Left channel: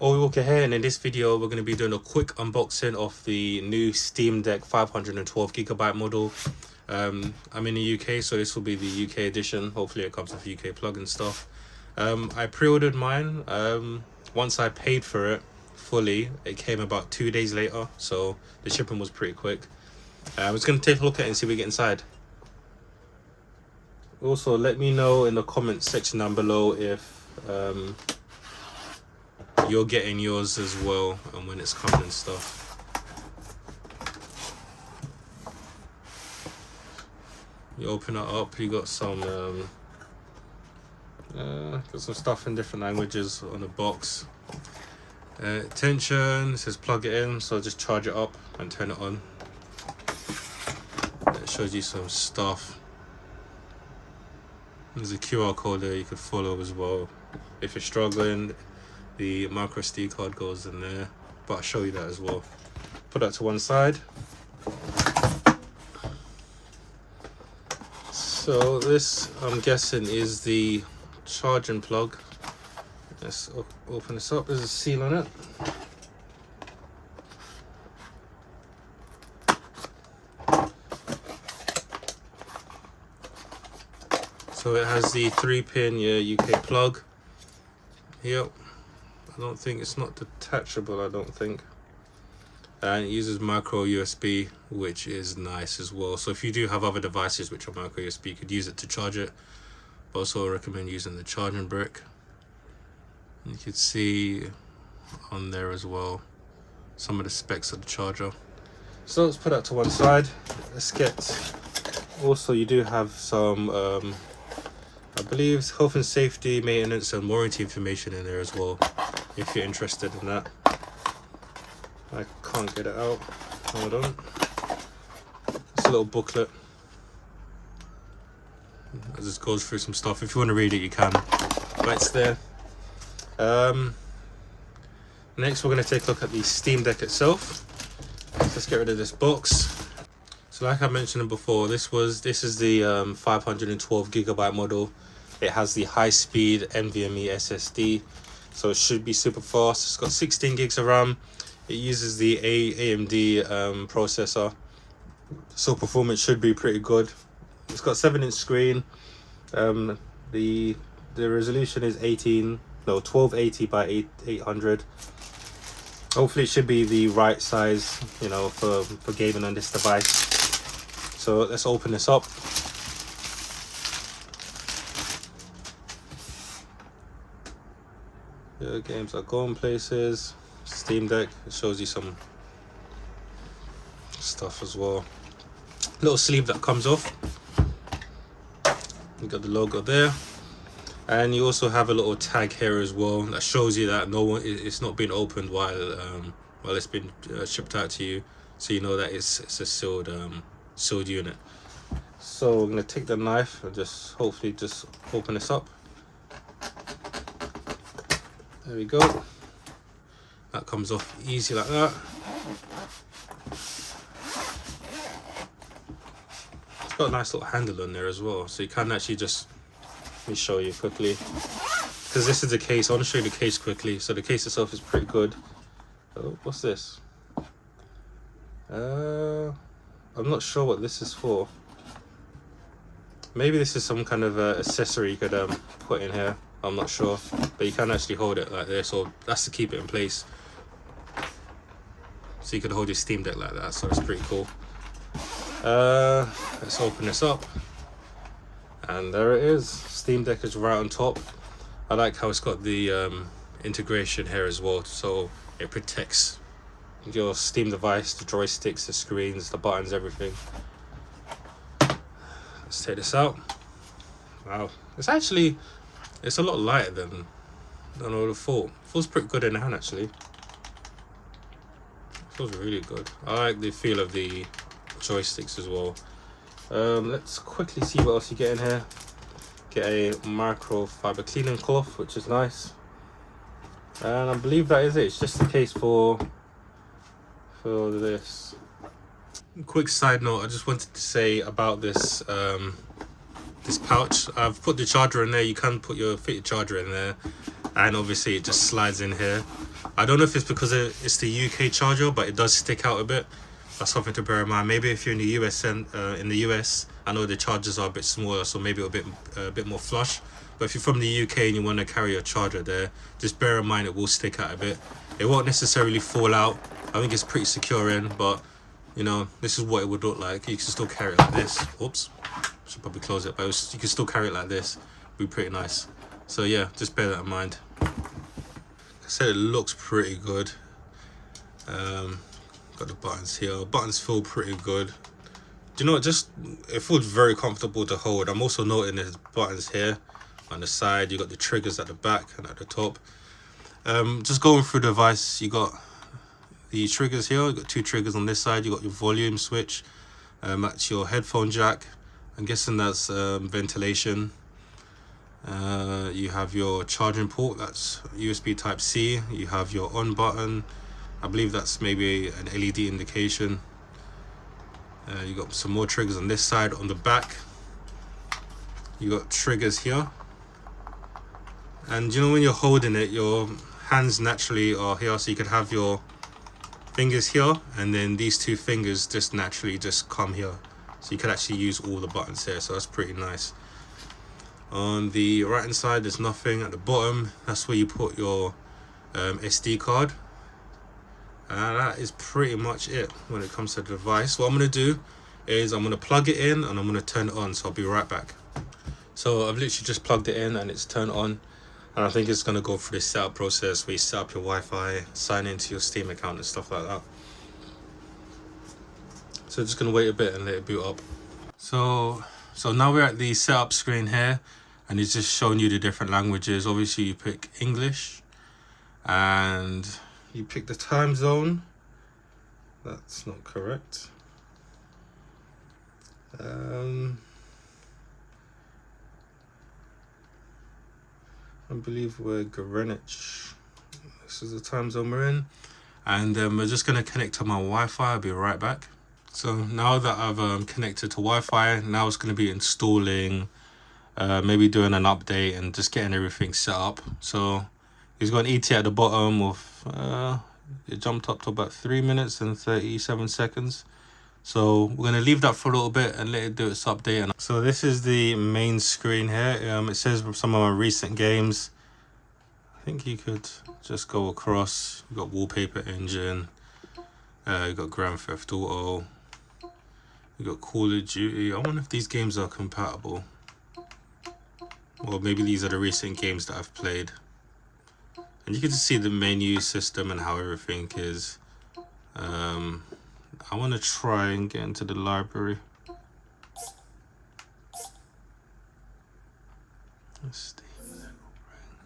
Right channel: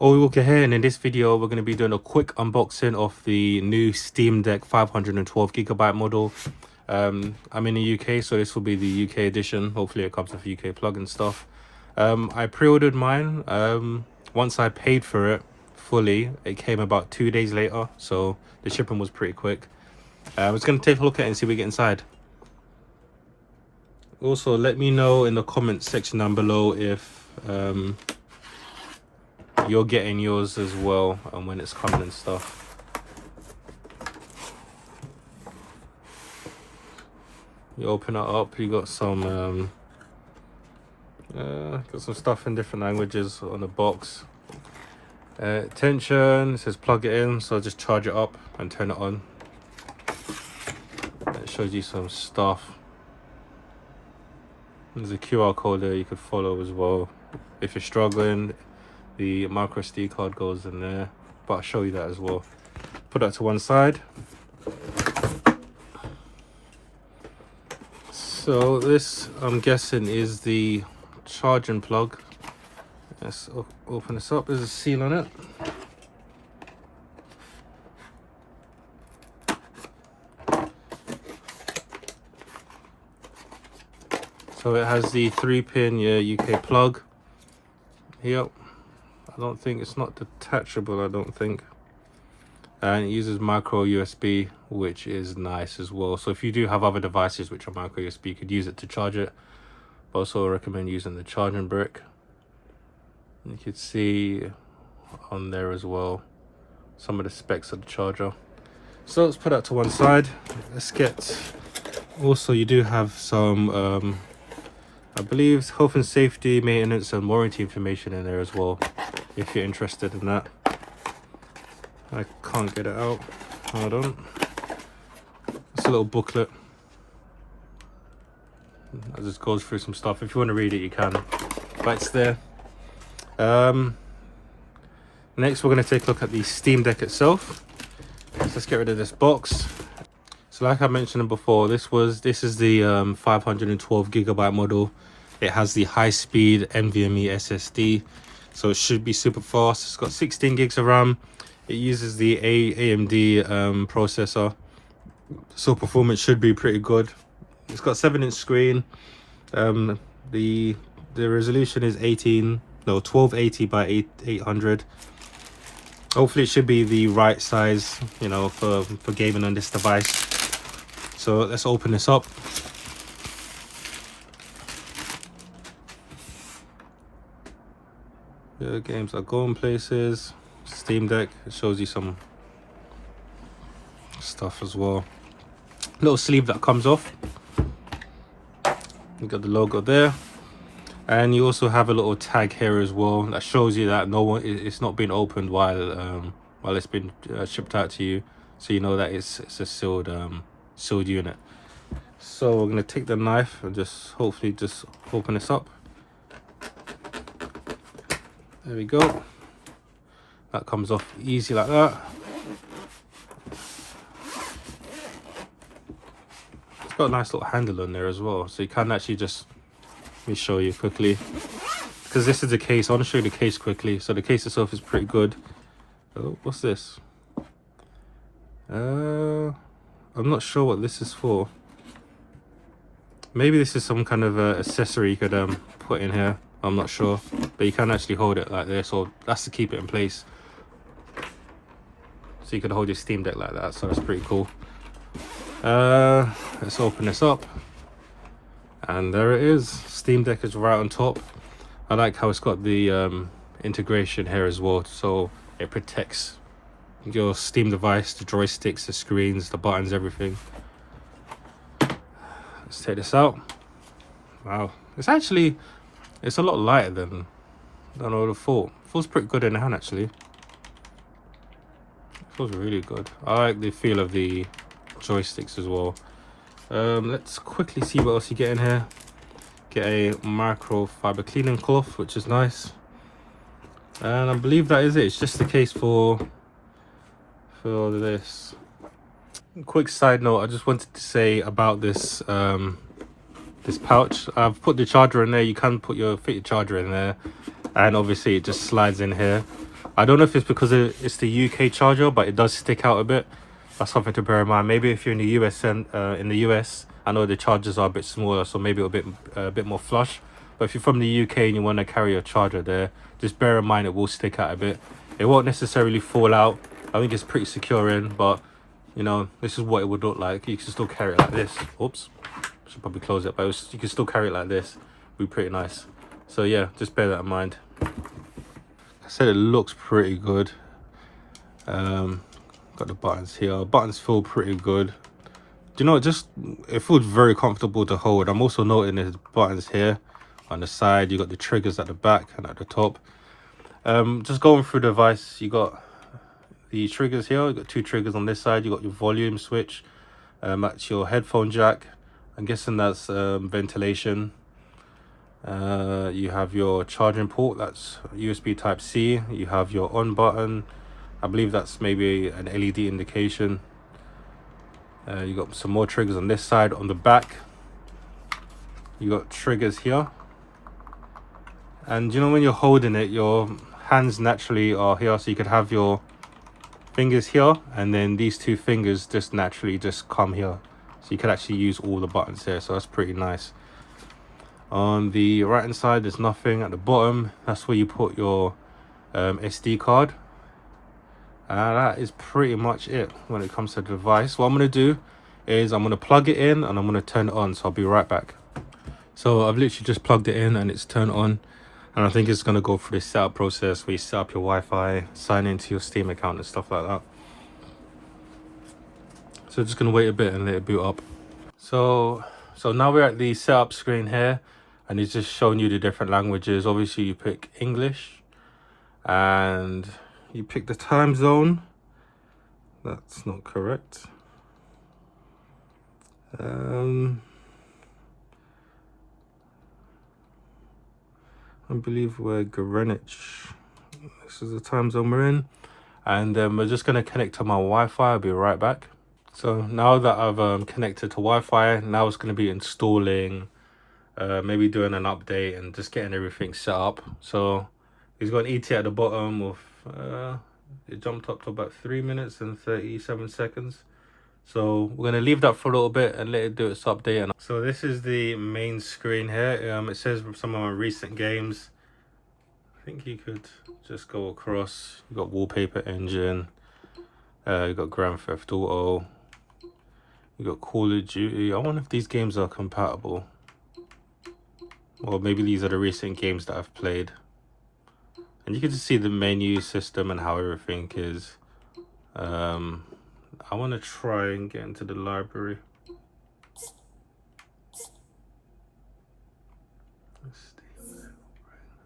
OAWALKER here, and in this video we're going to be doing a quick unboxing of the new Steam Deck 512GB model. I'm in the UK, so this will be the UK edition. Hopefully it comes with UK plug and stuff. I pre-ordered mine. Once I paid for it fully, it came about 2 days later, so the shipping was pretty quick. I was going to take a look at it and see what we get inside. Also, let me know in the comment section down below if you're getting yours as well, and when it's coming and stuff. You open it up, you got some stuff in different languages on the box. Tension, it says plug it in, so I'll just charge it up and turn it on. It shows you some stuff. There's a QR code there you could follow as well if you're struggling. The micro SD card goes in there, but I'll show you that as well. Put that to one side. So this, I'm guessing, is the charging plug. Let's open this up. There's a seal on it. So it has the 3-pin UK plug. Yep. I don't think it's not detachable, I don't think. And it uses micro USB, which is nice as well. So if you do have other devices which are micro USB, you could use it to charge it. But also I recommend using the charging brick. You can see on there as well some of the specs of the charger. So let's put that to one side. Let's get, also you do have some I believe health and safety, maintenance and warranty information in there as well, if you're interested in that. I can't get it out. Hold on. It's a little booklet. It just goes through some stuff. If you want to read it, you can. But it's there. Next, we're going to take a look at the Steam Deck itself. Let's just get rid of this box. So, like I mentioned before, this is the 512GB model. It has the high-speed NVMe SSD, so it should be super fast. It's got 16 gigs of RAM. It uses the AMD processor, so performance should be pretty good. It's got 7-inch screen. The resolution is 1280 by 800. Hopefully, it should be the right size, you know, for gaming on this device. So let's open this up. The games are going places. Steam Deck, it shows you some stuff as well. Little sleeve that comes off. You got the logo there, and you also have a little tag here as well that shows you that it's not been opened while it's been shipped out to you, so you know that it's a sealed unit. So I'm gonna take the knife and just hopefully just open this up. There we go. That comes off easy like that. It's got a nice little handle on there as well, so you can actually just, let me show you quickly, because this is the case. I want to show you the case quickly. So the case itself is pretty good. Oh, what's this? I'm not sure what this is for. Maybe this is some kind of accessory you could put in here. I'm not sure, but you can actually hold it like this, so that's to keep it in place. So you can hold your Steam Deck like that, so that's pretty cool. Let's open this up, and there it is. Steam Deck is right on top. I like how it's got the integration here as well, so it protects your Steam device, the joysticks, the screens, the buttons, everything. Let's take this out. Wow, it's a lot lighter than I would have thought. It feels pretty good in the hand actually. It feels really good. I like the feel of the joysticks as well. Let's quickly see what else you get in here. Get a microfiber cleaning cloth, which is nice. And I believe that is it. It's just the case for all of this. Quick side note, I just wanted to say about this this pouch. I've put the charger in there. You can fit your charger in there. and obviously it just slides in here. I don't know if it's because it's the UK charger, but it does stick out a bit. That's something to bear in mind. Maybe if you're in the US and in the US, I know the chargers are a bit smaller, so maybe a bit more flush. But if you're from the UK and you want to carry a charger there, just bear in mind it will stick out a bit. It won't necessarily fall out. I think it's pretty secure in, but you know, this is what it would look like. You can still carry it like this. Oops, should probably close it, but you can still carry it like this. Be pretty nice. So yeah, just bear that in mind. I said it looks pretty good. Got the buttons here. Buttons feel pretty good. Do you know, it feels very comfortable to hold. I'm also noting there's buttons here on the side. You got the triggers at the back and at the top. Just going through the device, you got the triggers here. You got two triggers on this side. You got your volume switch. That's your headphone jack. I'm guessing that's ventilation. You have your charging port. That's USB Type C. You have your on button. I believe that's maybe an LED indication. You got some more triggers on this side. On the back, you got triggers here. And you know, when you're holding it, your hands naturally are here, so you could have your fingers here, and then these two fingers just naturally just come here, so you can actually use all the buttons here. So that's pretty nice. On the right hand side, there's nothing. At the bottom, that's where you put your SD card. That is pretty much it when it comes to the device. What I'm going to do is I'm going to plug it in and I'm going to turn it on. So I'll be right back. So I've literally just plugged it in and it's turned on. And I think it's going to go through the setup process where you set up your Wi-Fi, sign into your Steam account and stuff like that. So just going to wait a bit and let it boot up. So now we're at the setup screen here, and it's just showing you the different languages. Obviously you pick English and you pick the time zone. That's not correct. I believe we're Greenwich. This is the time zone we're in. And we're just going to connect to my Wi-Fi. I'll be right back. So now that I've connected to Wi-Fi, now it's going to be installing, maybe doing an update and just getting everything set up. So he's got an ET at the bottom of, it jumped up to about 3 minutes and 37 seconds. So we're going to leave that for a little bit and let it do its update. So this is the main screen here. It says some of my recent games. I think you could just go across. You got Wallpaper Engine. You got Grand Theft Auto. You got Call of Duty. I wonder if these games are compatible. Or maybe these are the recent games that I've played. And you can just see the menu system and how everything is. I want to try and get into the library.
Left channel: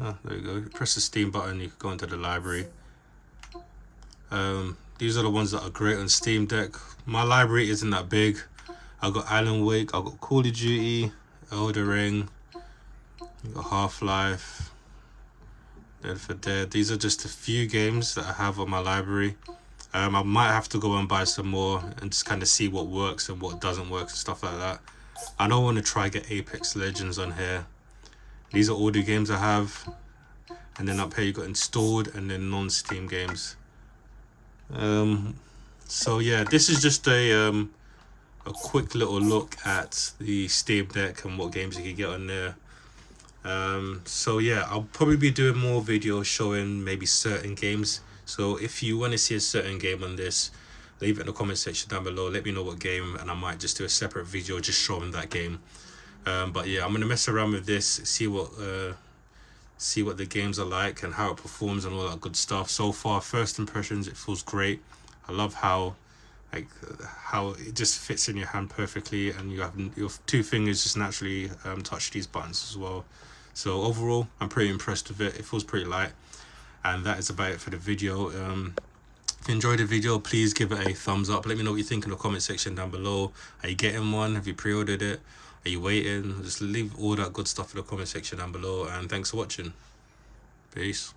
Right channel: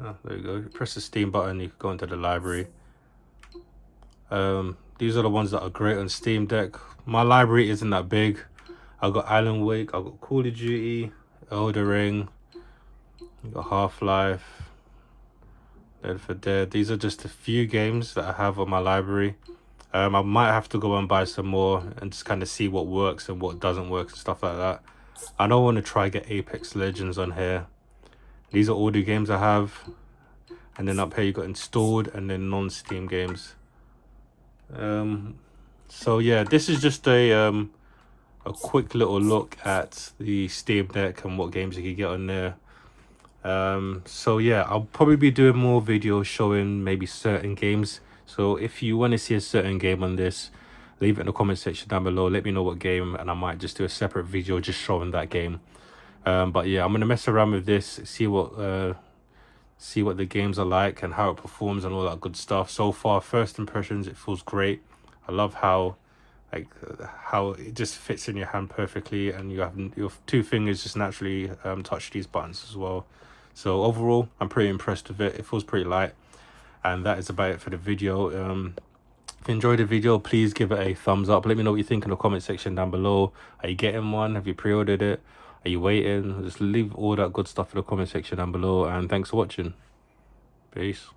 Oh, there you go. Press the Steam button, you can go into the library. These are the ones that are great on Steam Deck. My library isn't that big. I've got Alan Wake, I've got Call of Duty, Elden Ring, I've got Half-Life, Dead for Dead. These are just a few games that I have on my library. I might have to go and buy some more and just kind of see what works and what doesn't work and stuff like that. I don't want to try get Apex Legends on here. These are all the games I have. And then up here you got installed and then non-Steam games. So yeah, this is just a quick little look at the Steam Deck and what games you can get on there. So yeah, I'll probably be doing more videos showing maybe certain games. So if you want to see a certain game on this, leave it in the comment section down below. Let me know what game, and I might just do a separate video just showing that game. But yeah, I'm gonna mess around with this, see what the games are like and how it performs and all that good stuff. So far, first impressions, it feels great. I love how it just fits in your hand perfectly, and you have your two fingers just naturally touch these buttons as well. So overall, I'm pretty impressed with it. It feels pretty light. And that is about it for the video. If you enjoyed the video, please give it a thumbs up. Let me know what you think in the comment section down below. Are you getting one? Have you pre-ordered it? Are you waiting? Just leave all that good stuff in the comment section down below. And thanks for watching. Peace.